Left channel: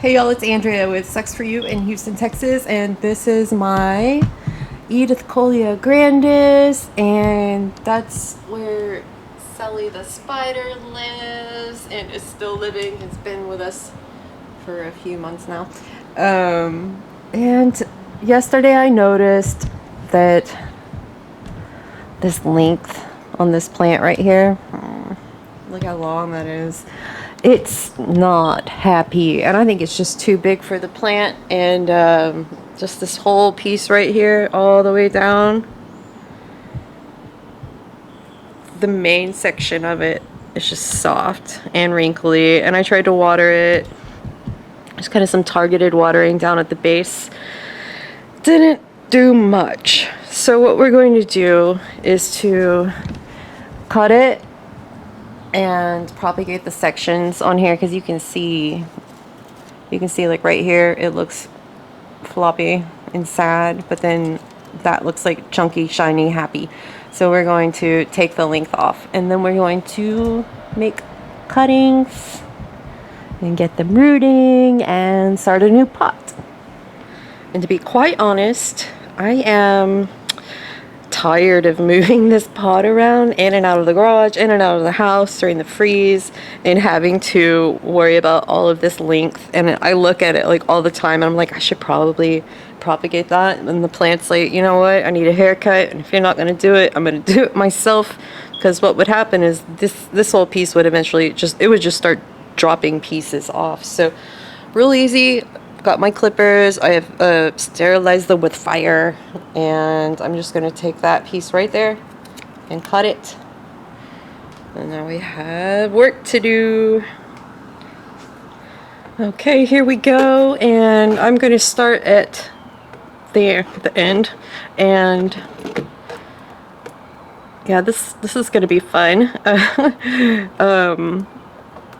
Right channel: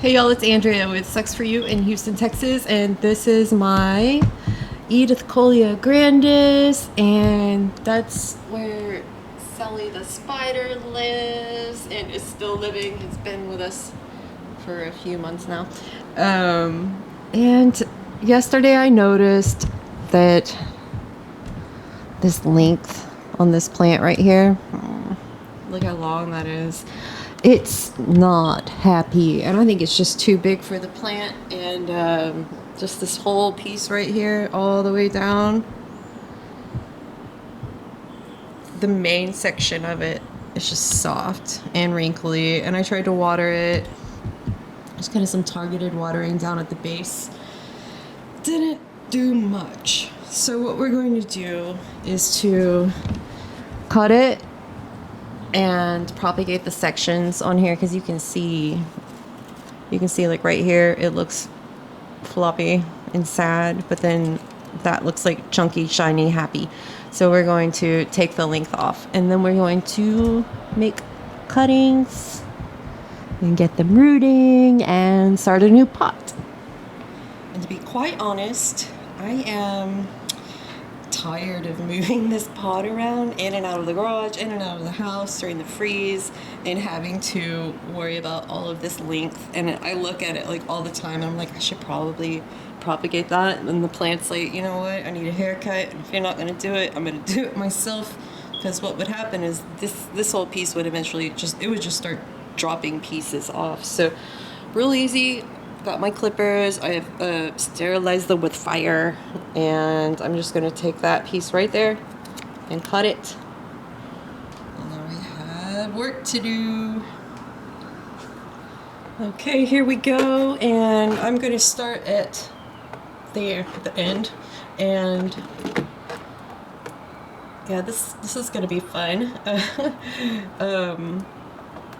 Hey y'all, it's Andrea with Sucs For You in Houston, Texas, and this is my Edithcolea grandis, and that's where Sally the spider lives and is still living. It's been with us for a few months now. And yesterday I noticed that this length on this plant right here, look how long that is. It's not happy, and I think it's just too big for the plant. And just this whole piece right here all the way down, the main section of it is just soft and wrinkly, and I tried to water it. Just kind of some targeted watering down at the base. Didn't do much. So what we're going to do is to cut it and propagate the sections on here, because you can see like right here it looks floppy and sad, but then that looks like chunky, shiny, happy. So we're going to take the length off, and then we're going to make cuttings and get them rooting and start a new pot. And to be quite honest, I am tired of moving this pot around in and out of the garage, in and out of the house during the freeze, and having to worry about all of this length. And I look at it like all the time, and I'm like, I should probably propagate that. And the plant's like, you know what, I need a haircut, and if you're not going to do it, I'm going to do it myself. Because what would happen is this whole piece would eventually just start dropping pieces off. So real easy. Got my clippers. I have sterilized them with fire, and I'm just going to take that piece right there and cut it. And now we have work to do. Okay, here we go, and I'm going to start at there, the end. And yeah, this is going to be fun.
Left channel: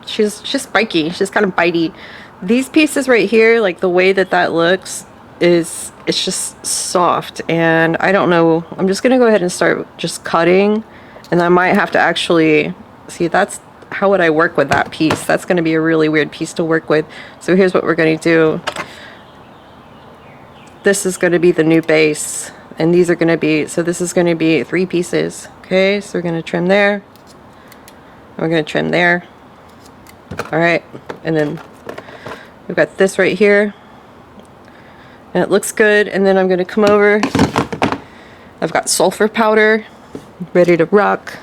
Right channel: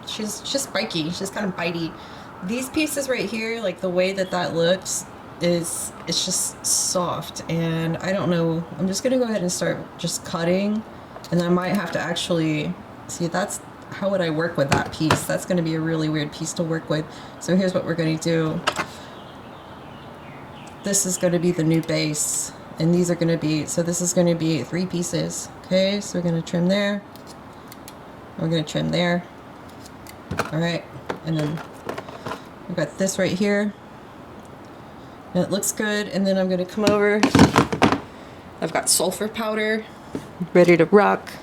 She's spiky. She's kind of bitey. These pieces right here, like the way that looks, it's just soft, and I don't know. I'm just gonna go ahead and start just cutting, and I might have to actually see. That's how would I work with that piece? That's gonna be a really weird piece to work with. So here's what we're gonna do. This is gonna be the new base, and these are gonna be, so this is gonna be 3 pieces. Okay, so we're gonna trim there. We're gonna trim there. All right, and then we've got this right here, and it looks good. And then I'm going to come over. I've got sulfur powder ready to rock.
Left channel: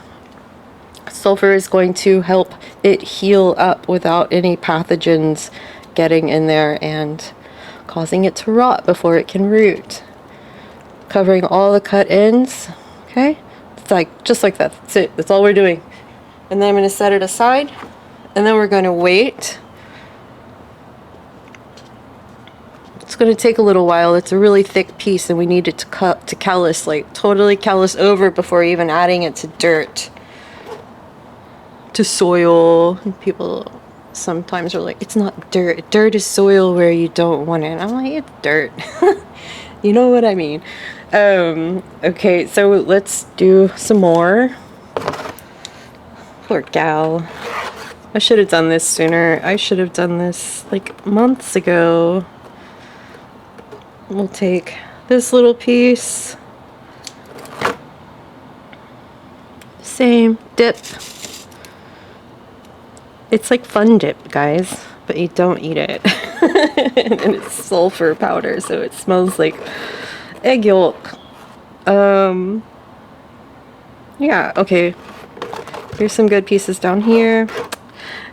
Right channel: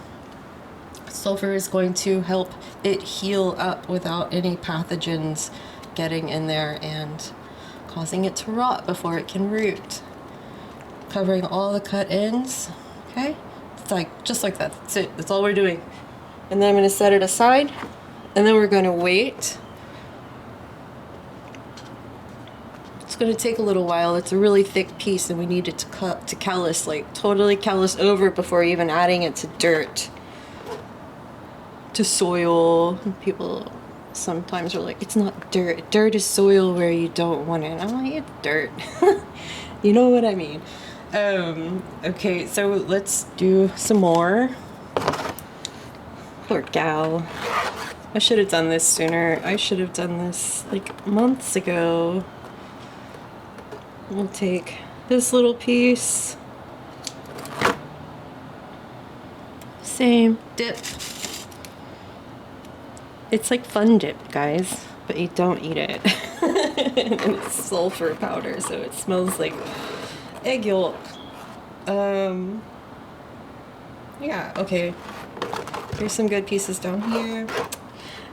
Sulfur is going to help it heal up without any pathogens getting in there and causing it to rot before it can root. Covering all the cut ends. Okay, it's like just like that. That's it. That's all we're doing. And then I'm going to set it aside, and then we're going to wait. It's going to take a little while. It's a really thick piece, and we need it to callus, like totally callus over before even adding it to dirt, to soil. People sometimes are like, it's not dirt. Dirt is soil where you don't want it. I'm like, it's dirt. You know what I mean? Okay, so let's do some more. Poor gal. I should have done this sooner. I should have done this like months ago. We'll take this little piece, same dip. It's like fun dip, guys, but you don't eat it. And it's sulfur powder, so it smells like egg yolk. Yeah, okay. Here's some good pieces down here.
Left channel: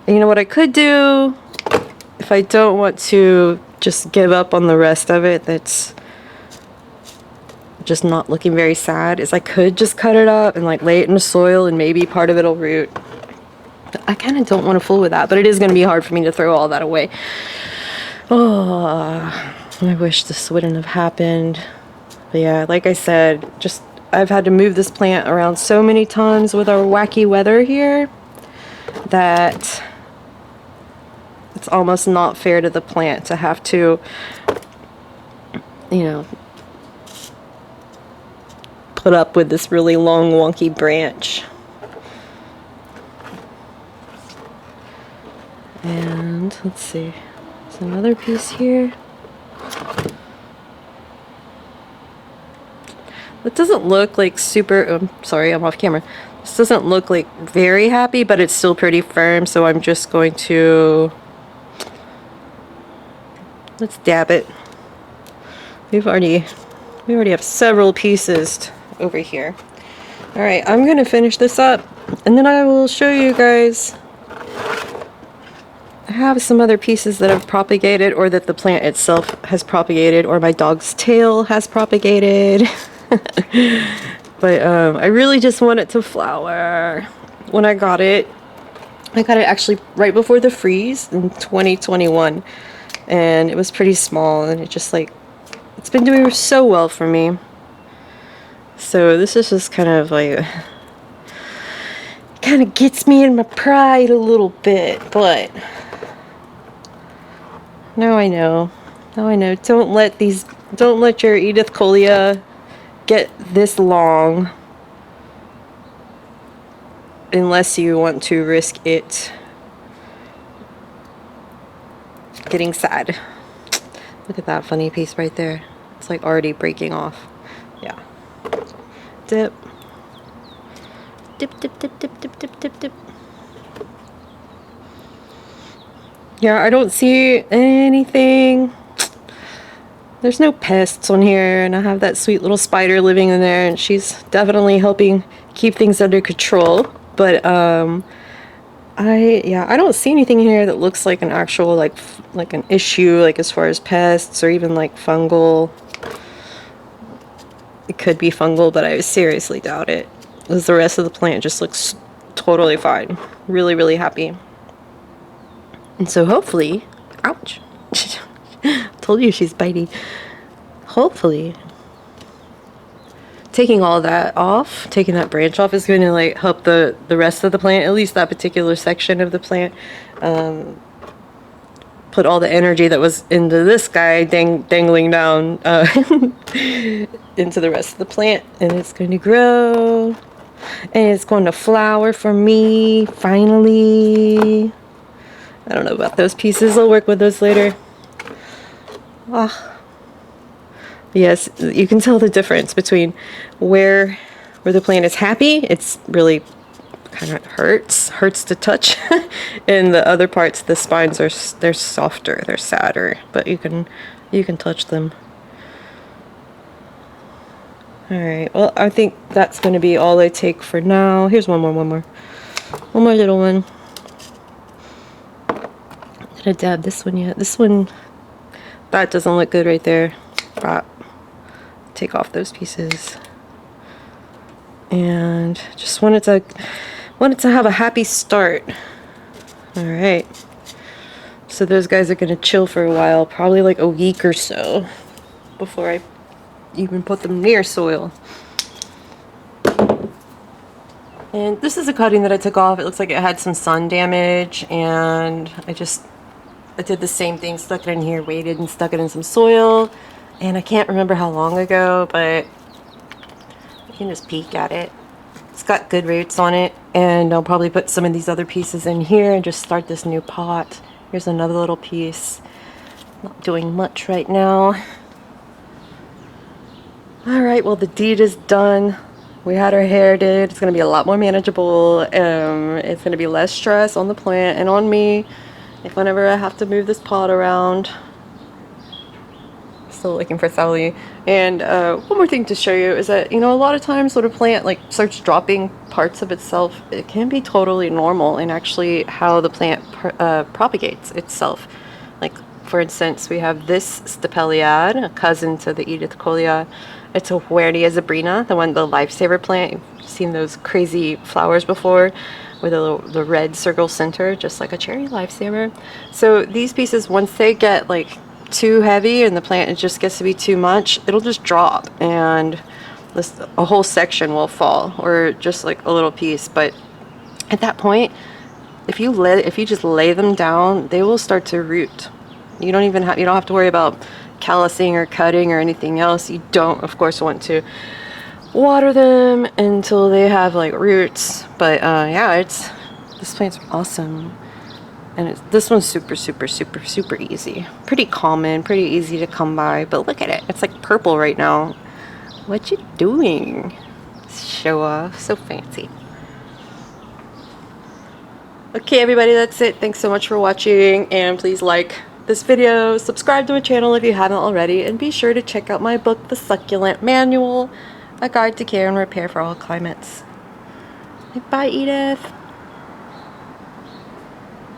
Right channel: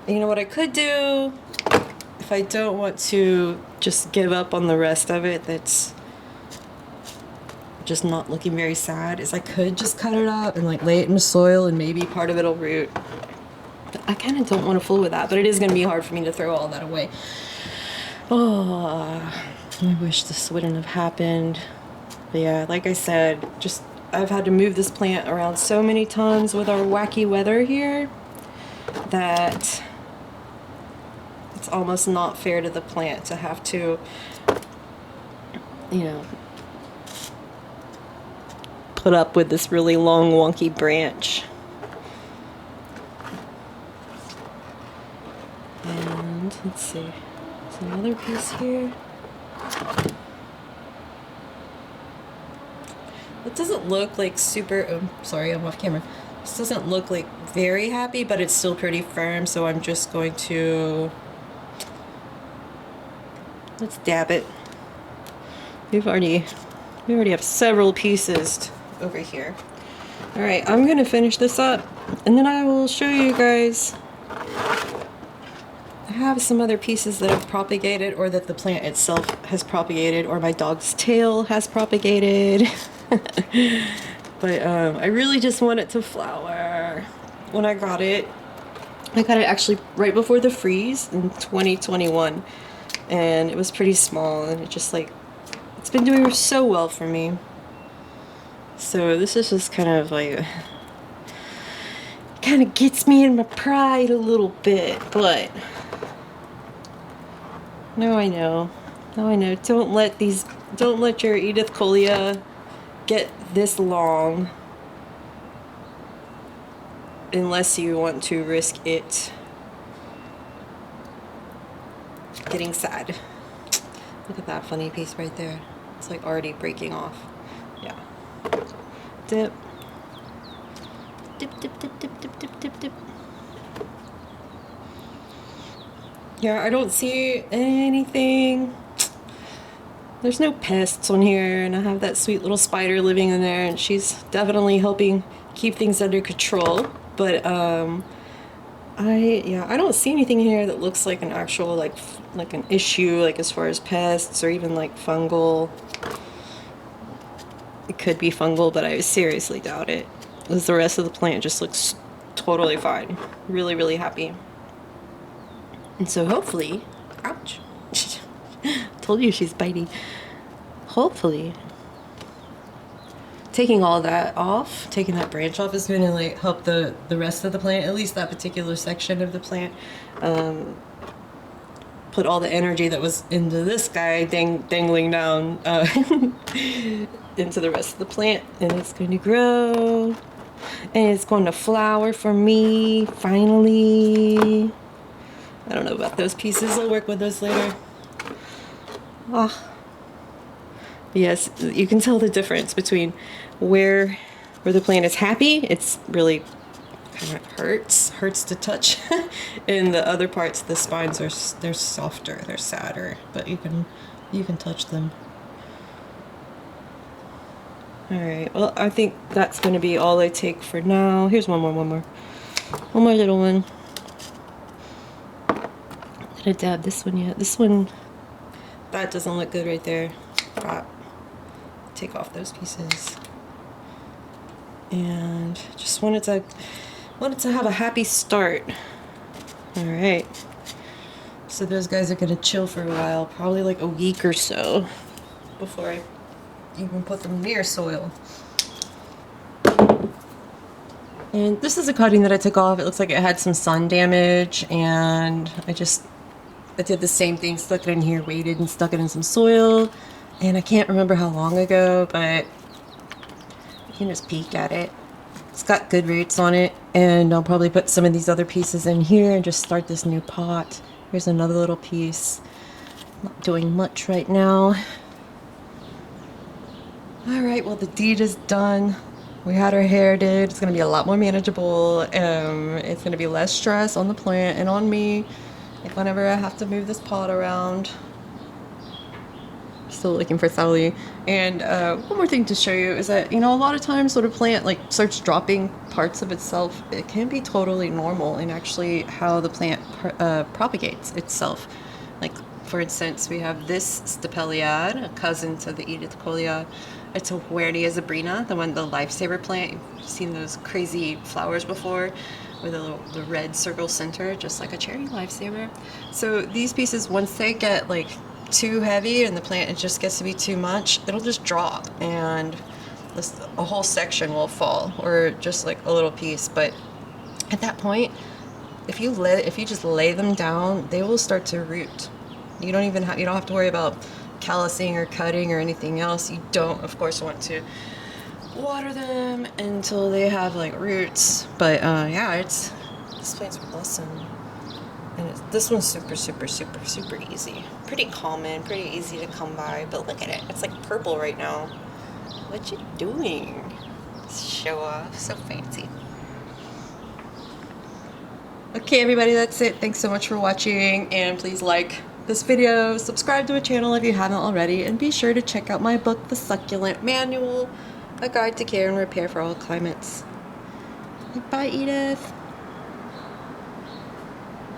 And you know what I could do if I don't want to just give up on the rest of it, that's just not looking very sad, is I could just cut it up and like lay it in the soil, and maybe part of it'll root. I kind of don't want to fool with that, but it is going to be hard for me to throw all that away. Oh, I wish this wouldn't have happened. But yeah, like I said, just I've had to move this plant around so many times with our wacky weather here that it's almost not fair to the plant to have to, you know, put up with this really long, wonky branch. And let's see. There's another piece here. It doesn't look like super, sorry, I'm off camera. This doesn't look like very happy, but it's still pretty firm, so I'm just going to, let's dab it. We already have several pieces over here. All right, I'm gonna finish this up, and then I will show you guys. I have some other pieces that have propagated, or that the plant itself has propagated, or my dog's tail has propagated. But I really just want it to flower. When I got it actually right before the freeze in 2021, and it was pretty small, and it just like, it's been doing so well for me. So this is just kind of like, kind of gets me in my pride a little bit, but now I know. Don't let your Edithcolea get this long unless you want to risk it getting sad. Look at that funny piece right there. It's like already breaking off. Yeah. Dip. Dip, dip, dip, dip, dip, dip, dip, dip. Yeah, I don't see anything. There's no pests on here, and I have that sweet little spider living in there, and she's definitely helping keep things under control. But I don't see anything in here that looks like an actual like an issue, like as far as pests or even like fungal. It could be fungal, but I seriously doubt it, because the rest of the plant just looks totally fine. Really, really happy. And so hopefully, ouch. Told you she's biting. Hopefully, taking all that off, taking that branch off, is going to like help the rest of the plant, at least that particular section of the plant, put all the energy that was into this guy dangling down into the rest of the plant, and it's going to grow, and it's going to flower for me finally. I don't know about those pieces. I'll work with those later. Ah. Yes, you can tell the difference between where the plant is happy. It's really kind of hurts to touch, and the other parts, the spines they're softer, they're sadder, but you can touch them. All right. Well, I think that's going to be all I take for now. Here's one more little one. Did I dab this one yet? This one, that doesn't look good right there. But take off those pieces, and just wanted to have a happy start. All right, so those guys are gonna chill for a while, probably like a week or so, before I even put them near soil. And this is a cutting that I took off. It looks like it had some sun damage, and I did the same thing, stuck it in here, waited and stuck it in some soil. And I can't remember how long ago, but you can just peek at it. It's got good roots on it, and I'll probably put some of these other pieces in here and just start this new pot. Here's another little piece. Not doing much right now. Alright, well, the deed is done. We had our hair did. It's going to be a lot more manageable. It's going to be less stress on the plant and on me whenever I have to move this pot around. Still looking for Sally. And one more thing to show you is that, a lot of times when a plant like starts dropping parts of itself, it can be totally normal in actually how the plant propagates itself. Like, for instance, we have this Stapelioid, a cousin to the Edithcolea. It's a Huernia zebrina, the lifesaver plant. You've seen those crazy flowers before with the red circle center, just like a cherry lifesaver. So these pieces, once they get like too heavy and the plant, it just gets to be too much, it'll just drop, and a whole section will fall, or just like a little piece. But at that point, if you just lay them down, they will start to root. You don't have to worry about callousing or cutting or anything else. You don't, of course, want to water them until they have like roots. But yeah, this plant's awesome. And this one's super, super, super, super easy. Pretty common, pretty easy to come by. But look at it. It's like purple right now. What you doing? Show off. So fancy. Okay, everybody, that's it. Thanks so much for watching. And please like this video, subscribe to my channel if you haven't already, and be sure to check out my book, The Succulent Manual, A Guide to Care and Repair for All Climates. Bye, Edith.